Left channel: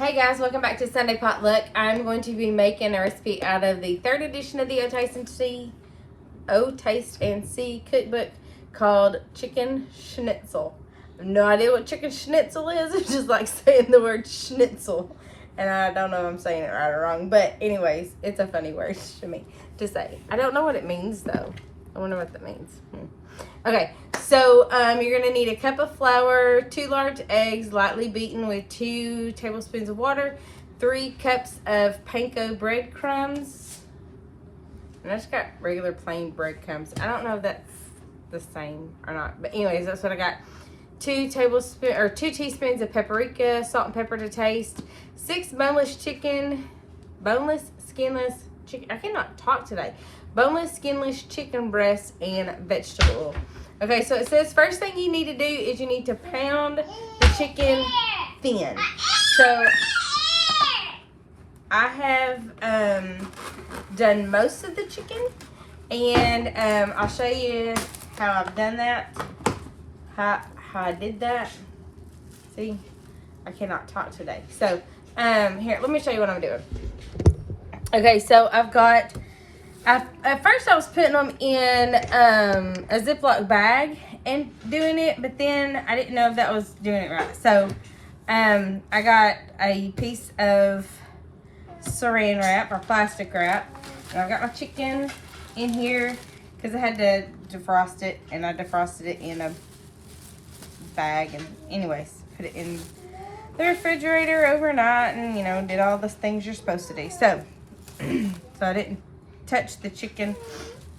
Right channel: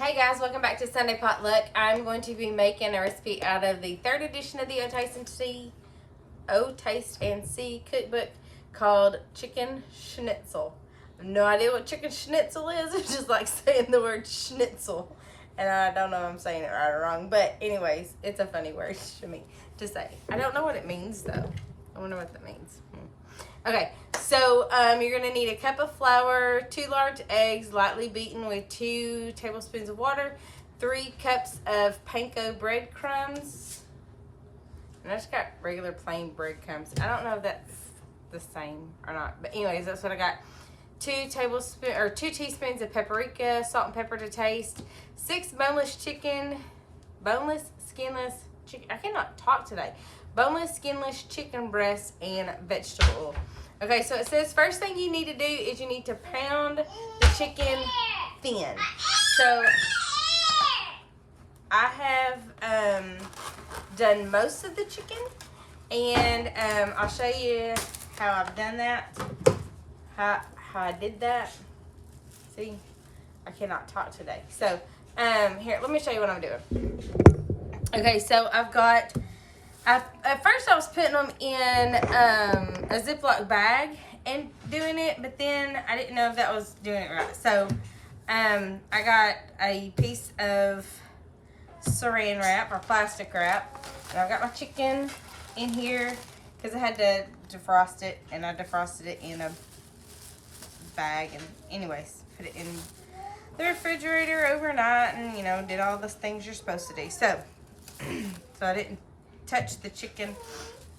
Hey guys, welcome back to Sunday Potluck. I'm going to be making a recipe out of the third edition of the O Taste and See cookbook called Chicken Schnitzel. I have no idea what chicken schnitzel is. It's just like saying the word schnitzel. And I don't know if I'm saying it right or wrong. But anyways, it's a funny word to me to say. I don't know what it means though. I wonder what that means. Okay, so you're going to need a cup of flour, 2 large eggs, lightly beaten with 2 tablespoons of water, 3 cups of panko breadcrumbs. And I just got regular plain breadcrumbs. I don't know if that's the same or not, but anyways, that's what I got. 2 teaspoons of paprika, salt and pepper to taste, 6 boneless, skinless chicken. I cannot talk today. Boneless, skinless chicken breasts and vegetable oil. Okay, so it says first thing you need to do is you need to pound the chicken thin. So I have done most of the chicken, and I'll show you how I've done that, how I did that. See, I cannot talk today. So here, let me show you what I'm doing. Okay, so I've got, at first I was putting them in a Ziploc bag and doing it, but then I didn't know if that was doing it right. So I got a piece of saran wrap or plastic wrap, and I've got my chicken in here because I had to defrost it, and I defrosted it in a bag, and anyways, put it in the refrigerator overnight, and you know, did all the things you're supposed to do. So I didn't touch the chicken.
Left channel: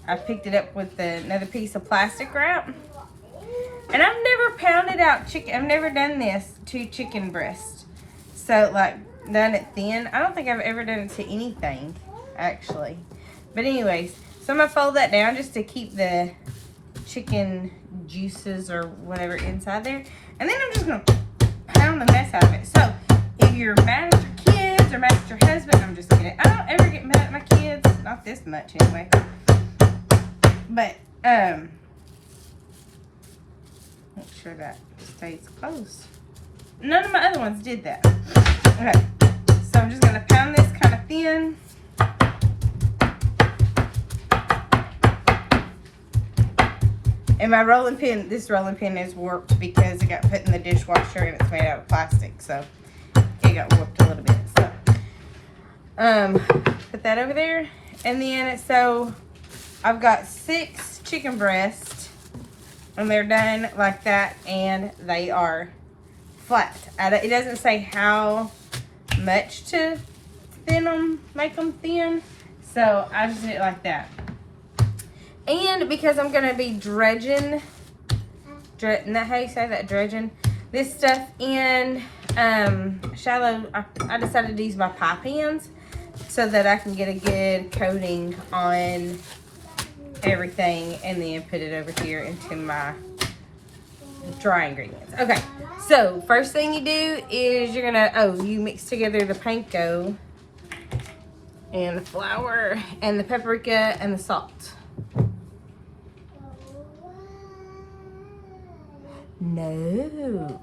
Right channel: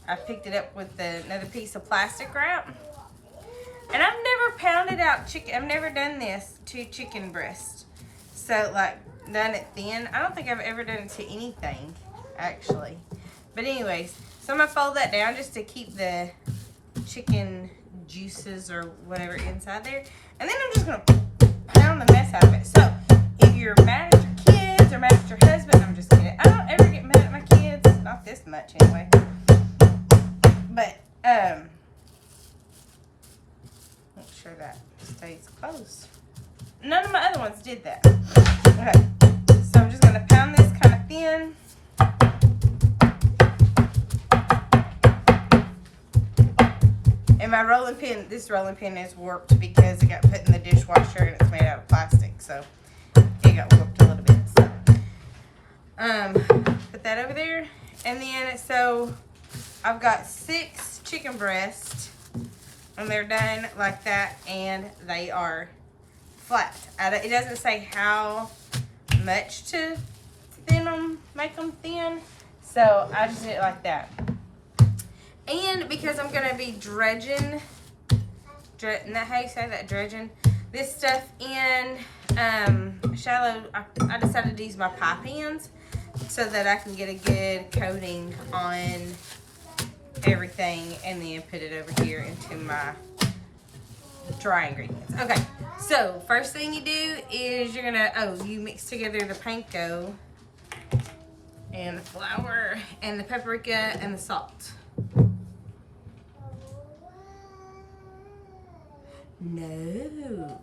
I picked it up with another piece of plastic wrap. And I've never pounded out chicken. I've never done this to chicken breast. So like done it thin. I don't think I've ever done it to anything actually. But anyways, so I'm gonna fold that down just to keep the chicken juices or whatever inside there. And then I'm just gonna pound the mess out of it. So if you're mad at your kids or mad at your husband, I'm just kidding. I don't ever get mad at my kids. Not this much anyway. But make sure that stays close. None of my other ones did that. Okay. So I'm just gonna pound this kind of thin. And my rolling pin, this rolling pin is warped because it got put in the dishwasher and it's made out of plastic. So it got warped a little bit. So put that over there. And then, so I've got 6 chicken breasts, and they're done like that, and they are flat. It doesn't say how much to thin them, make them thin, so I just did it like that. And because I'm going to be dredging, isn't that how you say that, dredging? This stuff in shallow, I decided to use my pie pans, so that I can get a good coating on everything and then put it over here into my dry ingredients. Okay, so first thing you do is you're gonna, you mix together the panko and the flour and the paprika and the salt. No.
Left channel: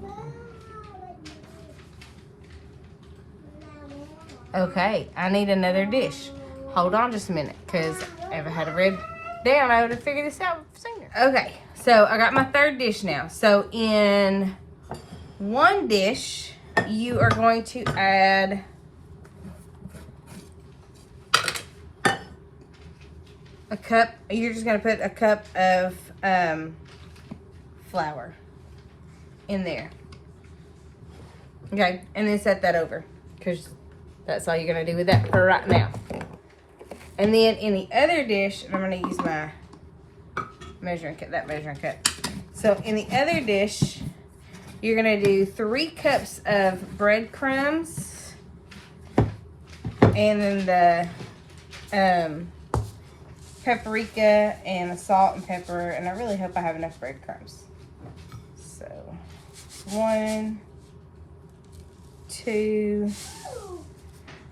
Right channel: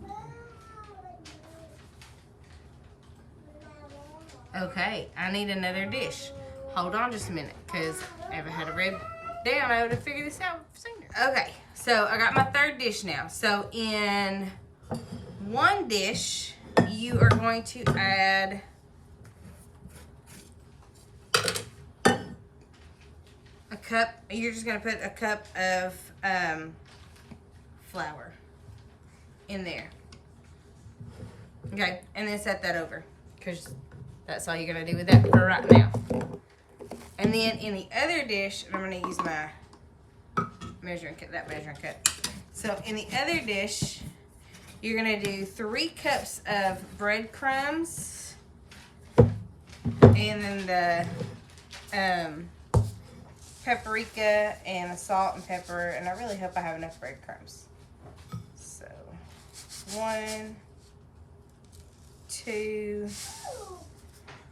Okay, I need another dish. Hold on just a minute, because if I had it read down, I would have figured this out sooner. Okay, so I got my third dish now. So in one dish, you are going to add a cup. You're just going to put a cup of flour in there. Okay, and then set that over, because that's all you're going to do with that for right now. And then in the other dish, I'm going to use my measuring cup, So in the other dish, you're going to do 3 cups of breadcrumbs. And then the paprika and the salt and pepper. And I really hope I have enough breadcrumbs. So 1, 2...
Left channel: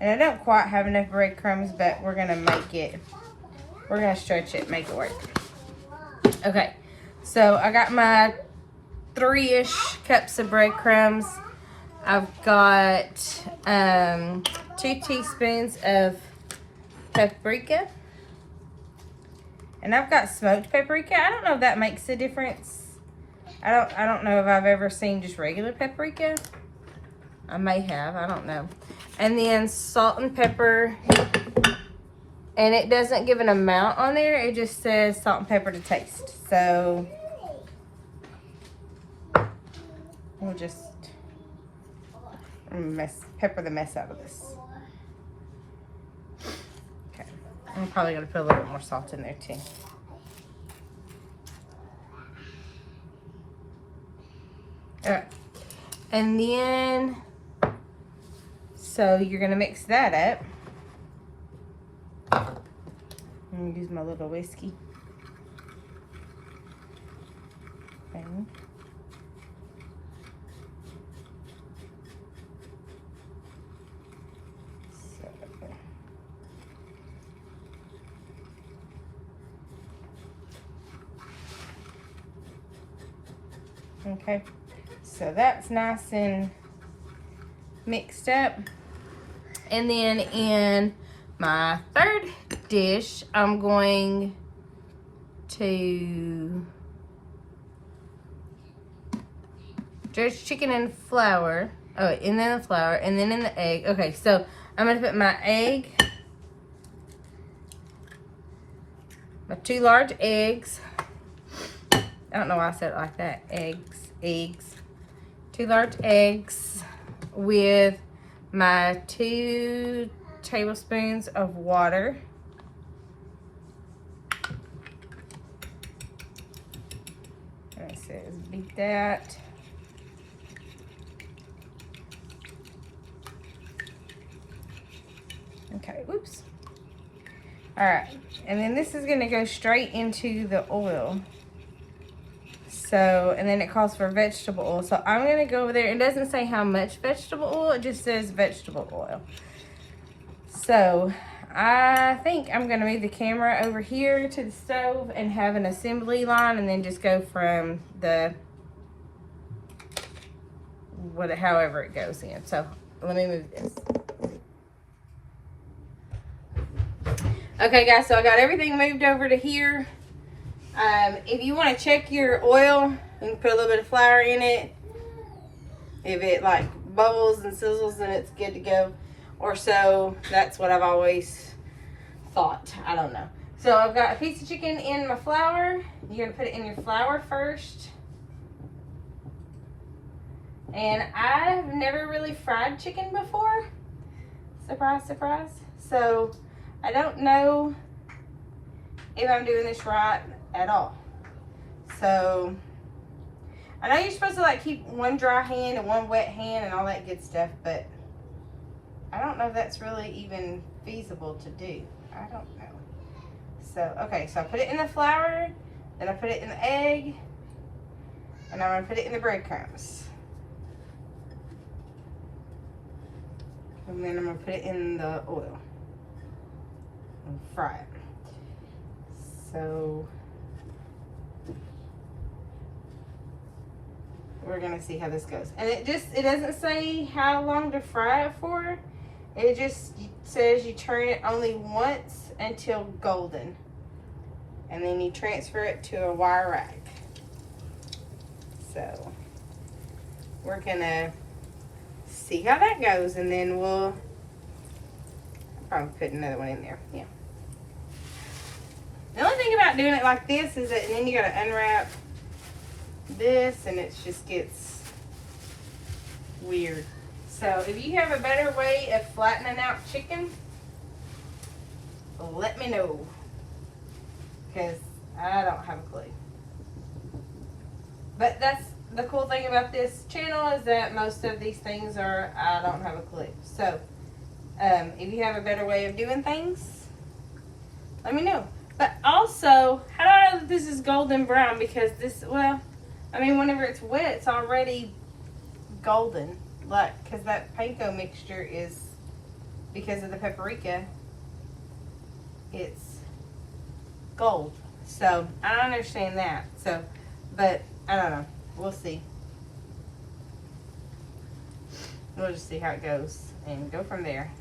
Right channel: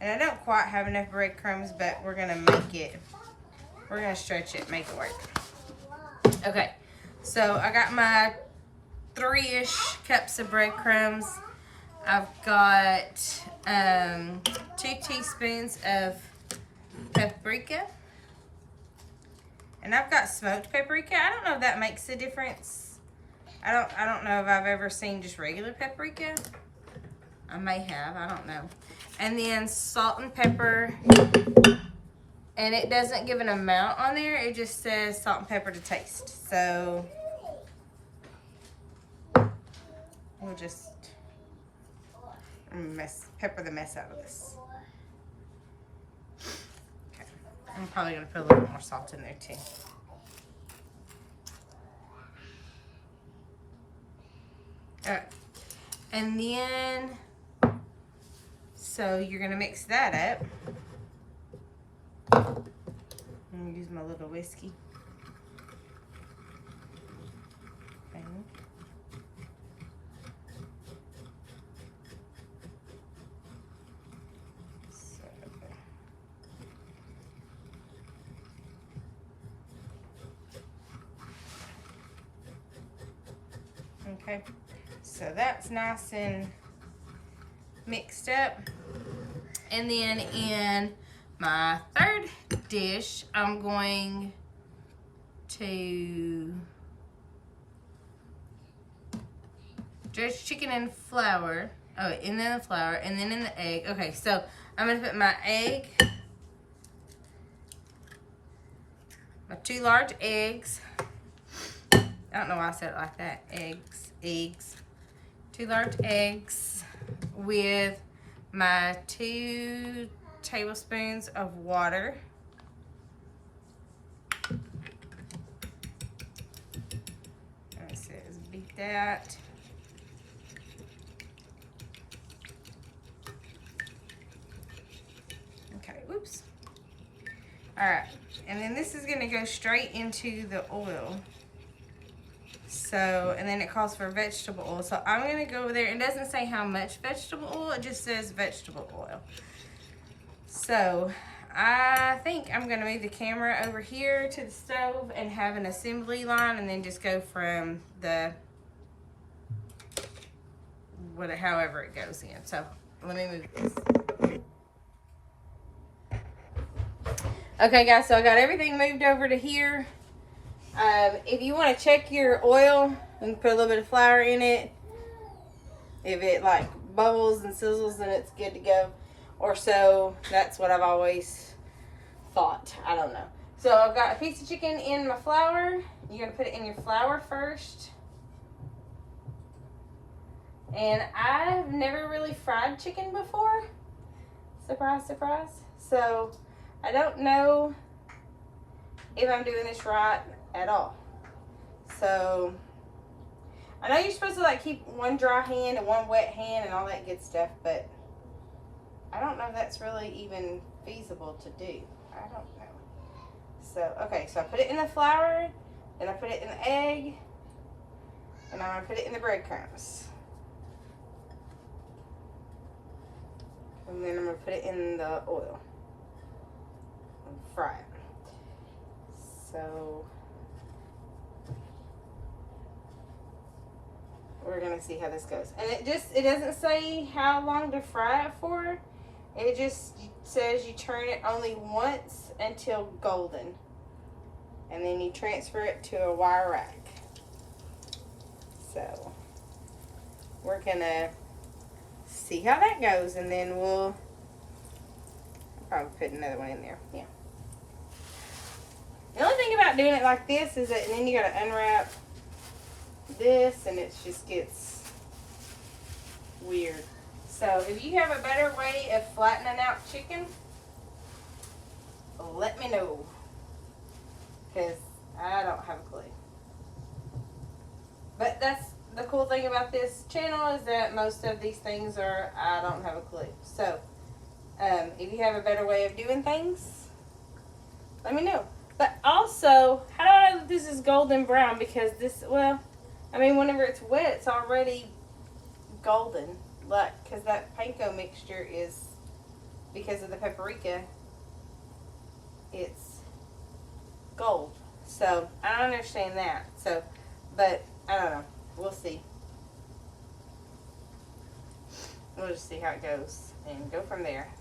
And I don't quite have enough breadcrumbs, but we're going to make it, we're going to stretch it, make it work. Okay, so I got my 3-ish cups of breadcrumbs. I've got 2 teaspoons of paprika. And I've got smoked paprika. I don't know if that makes a difference. I don't know if I've ever seen just regular paprika. I may have, I don't know. And then salt and pepper. And it doesn't give an amount on there. It just says salt and pepper to taste. So we'll just pepper the mess out of this. Okay. I'm probably gonna put a little bit more salt in there too. All right. And then, so you're gonna mix that up. I'm gonna use my little whiskey thing. So, okay, so that's nice and mixed up. And then in my third dish, I'm going to dredge chicken in flour. Oh, and then the flour, and then in the egg. Okay, so I'm gonna put my egg, my 2 large eggs. I don't know why I said it like that. Eggs. 2 large eggs with my 2 tablespoons of water. And it says beat that. Okay, whoops. All right, and then this is gonna go straight into the oil. So, and then it calls for vegetable oil. So I'm gonna go over there. It doesn't say how much vegetable oil, it just says vegetable oil. So I think I'm gonna move the camera over here to the stove and have an assembly line, and then just go from the, however it goes in. So let me move this. Okay guys, so I got everything moved over to here. If you want to check your oil, you can put a little bit of flour in it. If it like bubbles and sizzles, then it's good to go. Or so, that's what I've always thought. I don't know. So I've got a piece of chicken in my flour. You're going to put it in your flour first. And I've never really fried chicken before. Surprise, surprise. So I don't know if I'm doing this right at all. So I know you're supposed to like keep one dry hand and one wet hand and all that good stuff, but I don't know if that's really even feasible to do. I don't know. So, okay, so I put it in the flour, then I put it in the egg, and I'm gonna put it in the breadcrumbs. And then I'm gonna put it in the oil and fry it. So we're gonna see how this goes. And it doesn't say how long to fry it for. It just says you turn it only once until golden. And then you transfer it to a wire rack. So we're gonna see how that goes, and then we'll probably put another one in there. Yeah. The only thing about doing it like this is that then you gotta unwrap this and it just gets weird. So if you have a better way of flattening out chicken, let me know, because I don't have a clue. But that's the cool thing about this channel, is that most of these things are I don't have a clue. So if you have a better way of doing things, let me know. But also, how do I know that this is golden brown? Because this, well, I mean, whenever it's wet, it's already golden. Like, because that panko mixture is, because of the paprika, it's gold. So, I don't understand that. So, but, I don't know. We'll see. we'll just see how it goes and go from there.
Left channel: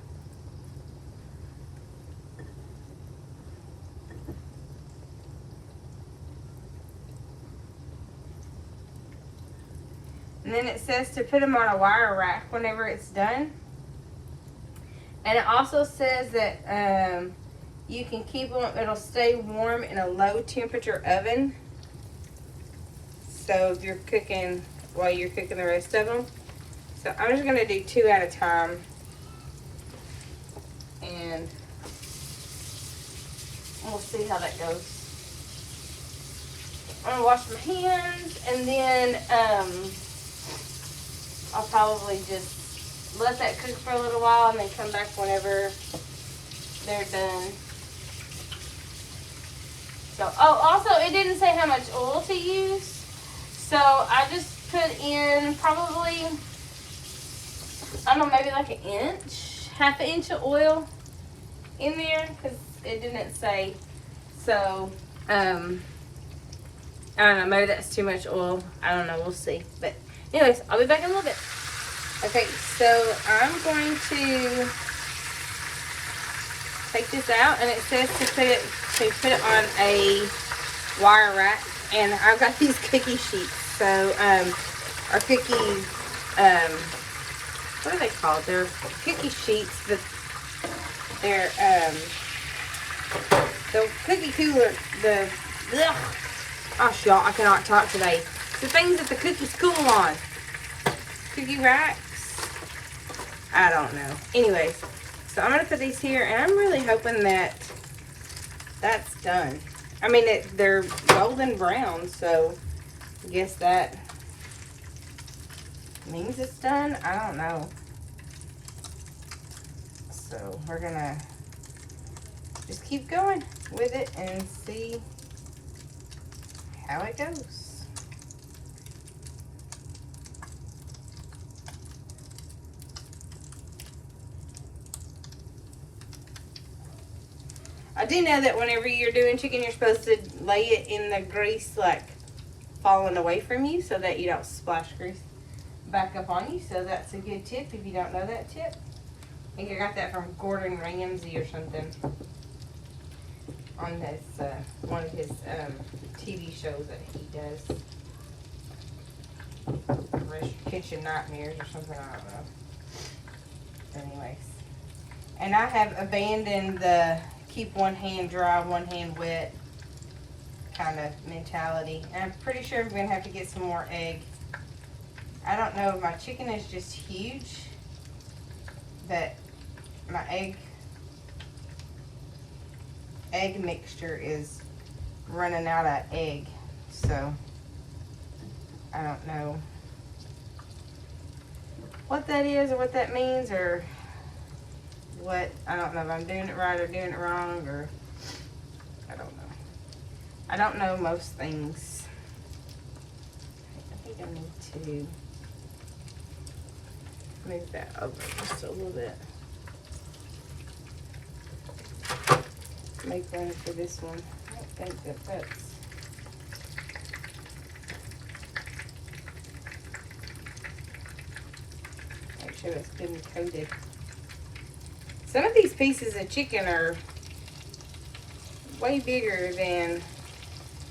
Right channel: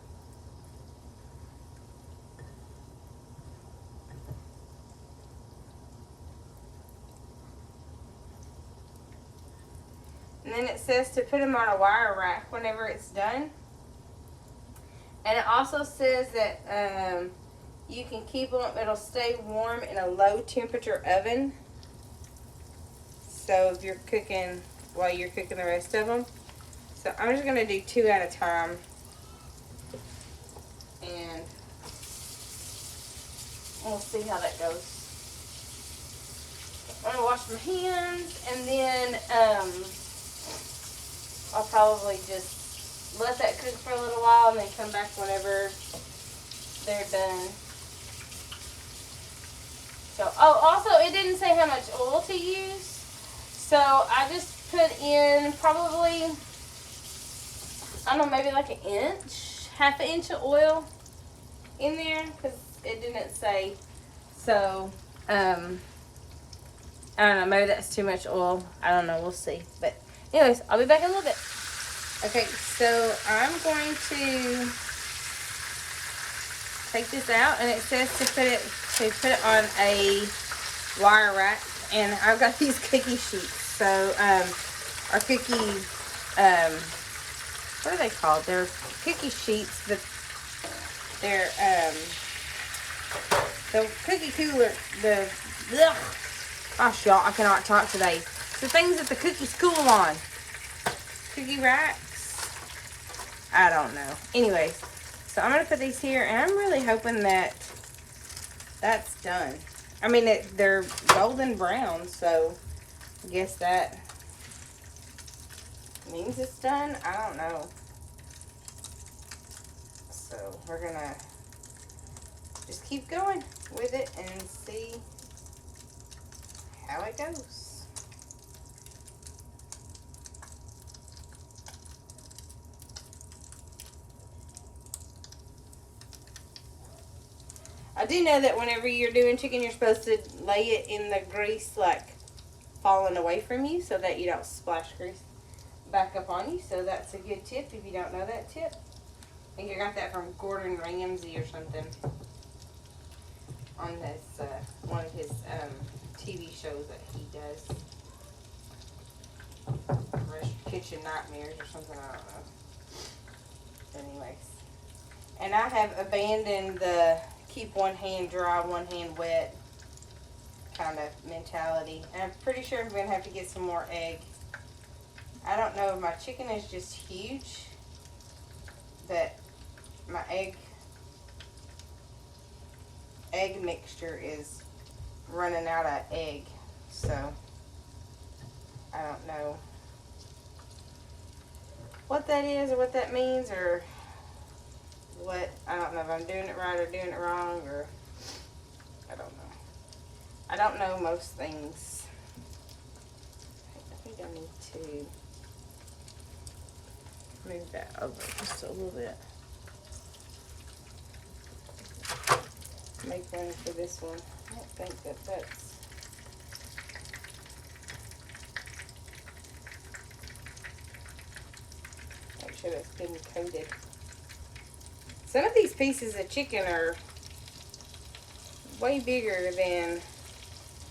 And then it says to put them on a wire rack whenever it's done. And it also says that you can keep them, it'll stay warm in a low temperature oven. So if you're cooking, while you're cooking the rest of them. So I'm just going to do 2 at a time. And we'll see how that goes. I'm going to wash my hands, and then I'll probably just let that cook for a little while and then come back whenever they're done. So, oh, also it didn't say how much oil to use. So I just put in probably, I don't know, maybe like an inch, half an inch of oil in there because it didn't say. So, I don't know, maybe that's too much oil. I don't know, we'll see. But anyways, I'll be back in a little bit. Okay, so I'm going to take this out, and it says to put it on a wire rack, and I've got these cookie sheets. So, our cookie, what are they called? They're cookie sheets, but they're, the cookie cooler, gosh, y'all, I cannot talk today. The things that the cookies cool on. Cookie racks. I don't know. Anyways, so I'm going to put these here, and I'm really hoping that that's done. I mean, they're golden brown, so I guess that means it's done. I don't know. So we're going to just keep going with it and see how it goes. I do know that whenever you're doing chicken, you're supposed to lay it in the grease, like, falling away from you so that you don't splash grease back up on you. So that's a good tip if you don't know that tip. I think I got that from Gordon Ramsay or something on this, one of his TV shows that he does. Kitchen Nightmares or something, I don't know. Anyways. And I have abandoned the keep one hand dry, one hand wet kind of mentality. And I'm pretty sure I'm going to have to get some more egg. I don't know, my chicken is just huge, but my egg mixture is running out of egg. So, I don't know what that is or what that means or what. I don't know if I'm doing it right or doing it wrong, or I don't know. I don't know most things. I think I need to move that over just a little bit. Make room for this one. I don't think that's make sure that's been coated. Some of these pieces of chicken are way bigger than,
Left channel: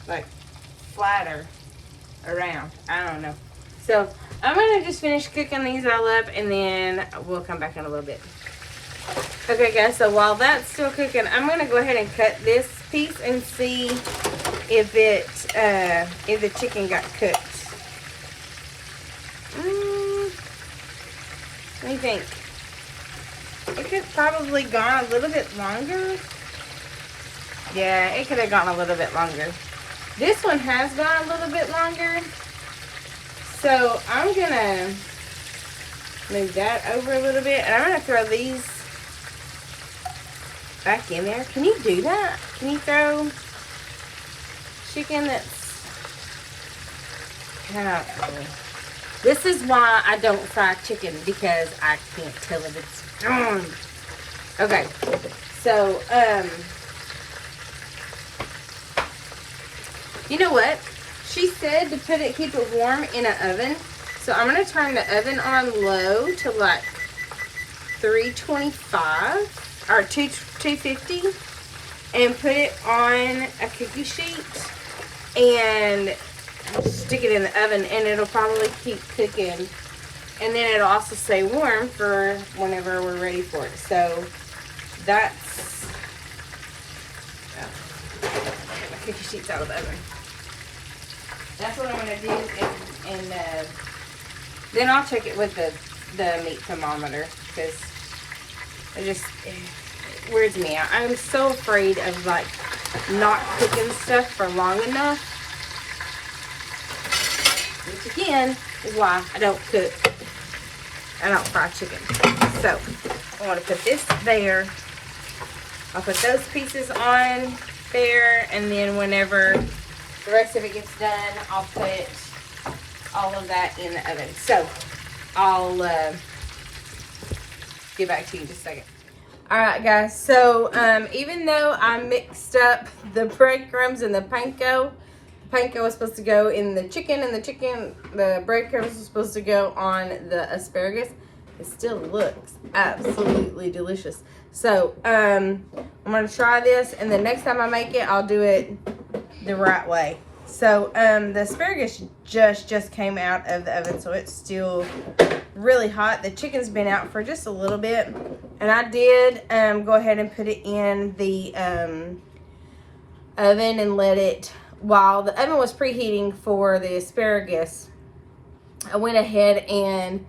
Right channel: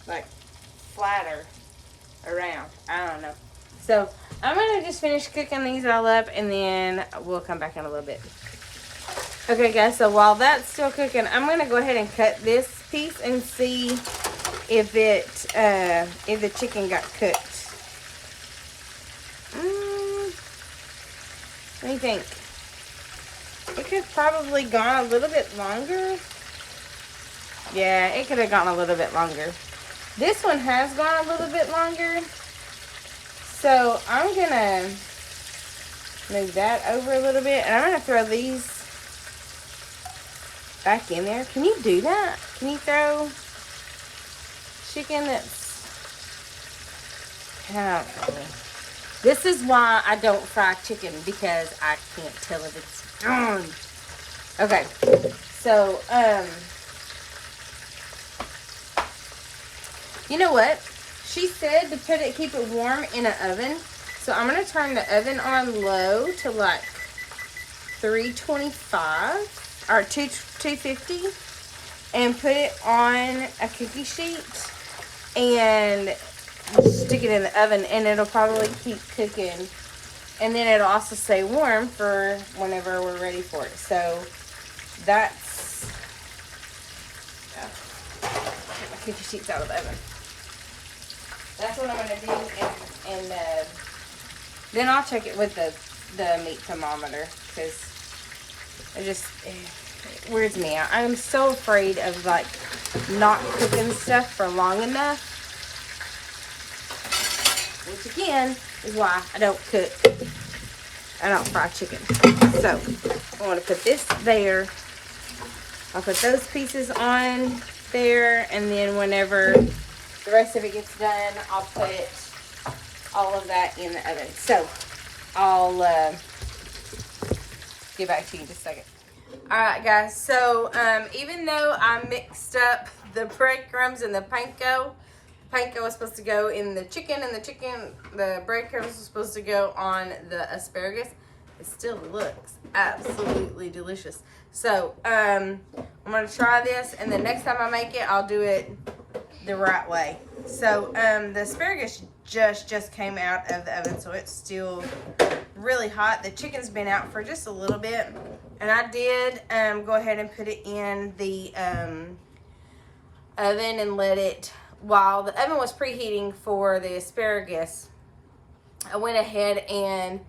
like, flatter around. I don't know. So, I'm going to just finish cooking these all up, and then we'll come back in a little bit. Okay, guys, so while that's still cooking, I'm going to go ahead and cut this piece and see if the chicken got cooked. What do you think? It could have probably gone a little bit longer. Yeah, it could have gone a little bit longer. This one has gone a little bit longer. So I'm going to move that over a little bit. And I'm going to throw these back in there. Can you do that? Can you throw chicken that's... This is why I don't fry chicken, because I can't tell if it's done. Okay, so, you know what? She said to keep it warm in an oven. So I'm going to turn the oven on low to like 325 or 250 and put it on a cookie sheet and stick it in the oven, and it'll probably keep cooking, and then it'll also stay warm for whenever we're ready for it. So that's cookie sheets out of the oven. That's what I'm going to do, and then I'll check it with the meat thermometer, because it weirds me out. I'm so afraid of like not cooking stuff for long enough, which again is why I don't cook. I don't fry chicken. So I'm going to put this there. I'll put those pieces on there, and then whenever the rest of it gets done, I'll put all of that in the oven. So I'll get back to you in just a second. Alright guys, so even though I mixed up the breadcrumbs and the panko was supposed to go in the chicken, and the breadcrumbs was supposed to go on the asparagus, it still looks absolutely delicious. So I'm going to try this, and the next time I make it, I'll do it the right way. So the asparagus just came out of the oven, so it's still really hot. The chicken's been out for just a little bit, and I did go ahead and put it in the oven and let it, while the oven was preheating for the asparagus, I went ahead and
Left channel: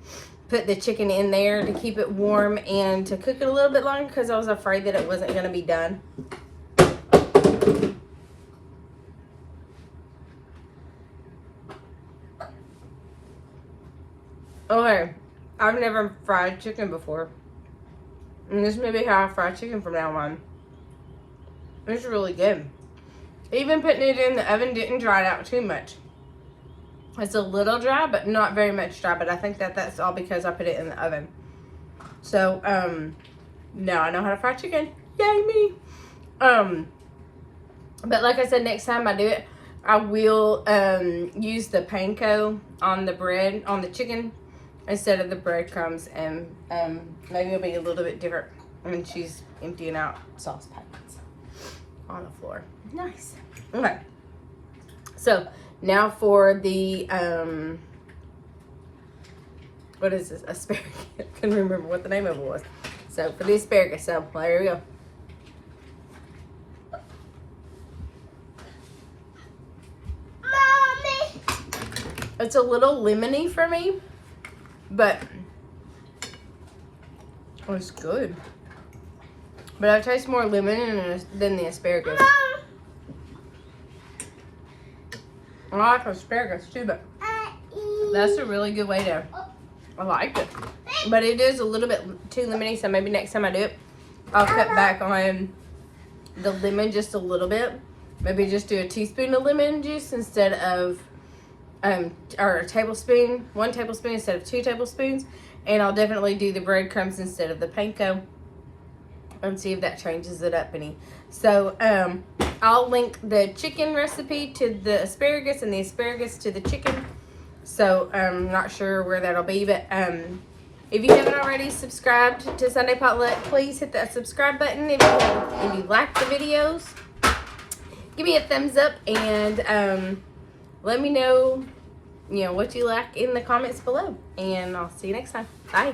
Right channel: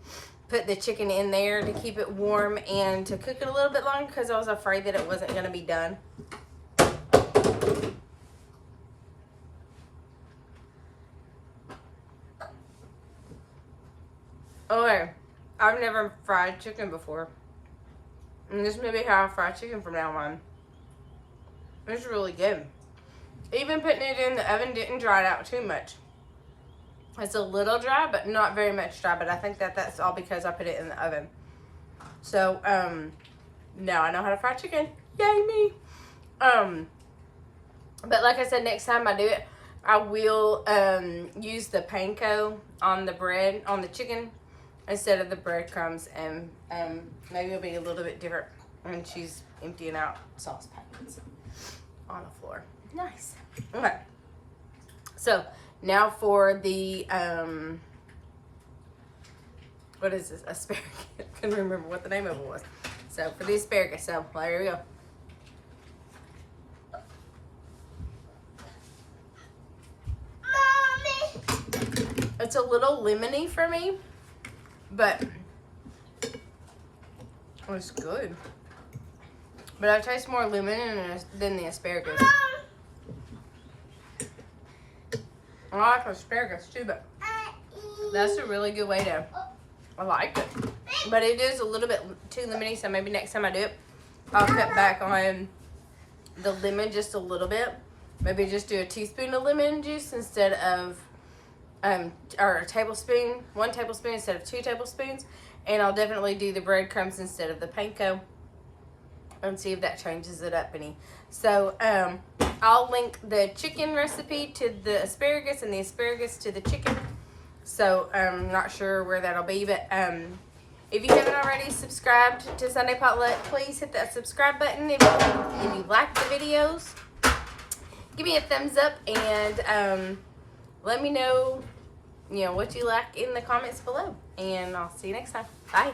put the chicken in there to keep it warm and to cook it a little bit longer, because I was afraid that it wasn't going to be done. Okay, I've never fried chicken before, and this may be how I fry chicken from now on. It's really good. Even putting it in the oven didn't dry it out too much. It's a little dry, but not very much dry, but I think that's all because I put it in the oven. So, now I know how to fry chicken. Yay me! But like I said, next time I do it, I will use the panko on the bread, on the chicken, instead of the breadcrumbs, and maybe it'll be a little bit different when she's emptying out sauce packets on the floor. Nice. Okay. So now for the what is this? Asparagus. I couldn't remember what the name of it was. So for the asparagus, so there we go. Mommy. It's a little lemony for me, but it's good. But I taste more lemon than the asparagus. I like asparagus too, but that's a really good way to, I like it. But it is a little bit too lemony, so maybe next time I do it, I'll cut back on the lemon just a little bit. Maybe just do a teaspoon of lemon juice instead of, or a tablespoon, 1 tablespoon instead of 2 tablespoons. And I'll definitely do the breadcrumbs instead of the panko, and see if that changes it up any. So I'll link the chicken recipe to the asparagus and the asparagus to the chicken. So I'm not sure where that'll be, but if you haven't already subscribed to Sunday Potluck, please hit that subscribe button. If you like the videos, give me a thumbs up, and let me know, what you like in the comments below. And I'll see you next time. Bye.